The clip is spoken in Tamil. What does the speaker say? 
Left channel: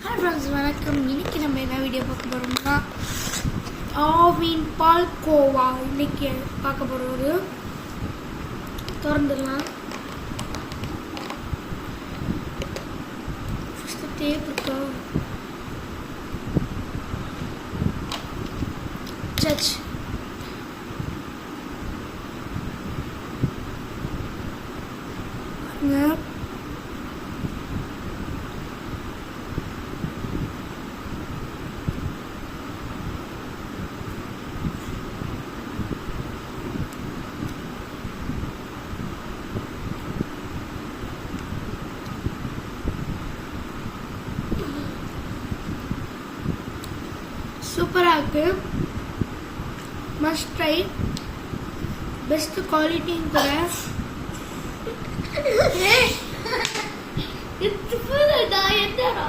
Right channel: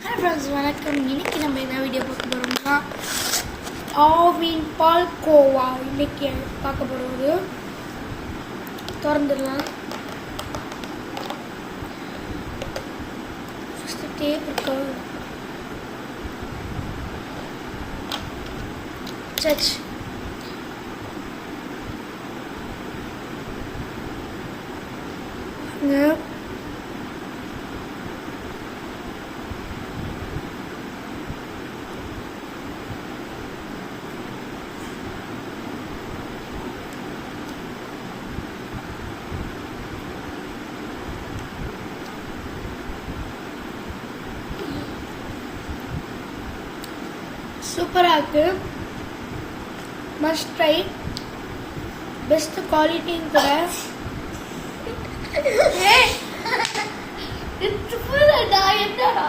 Hi friends, வணக்கம். இன்னைக்கு நம்ம என்ன வீடியோ பார்க்க போறோம்னா ஆவின் பால் கோவா இன்னைக்கு பார்க்க போறது. திறந்துடலாம். ஃபர்ஸ்ட் டேப் இருக்கா? சச் சூப்பராக இருக்கு. Must try. பெஸ்ட் குவாலிட்டியும் கூட. என்னடா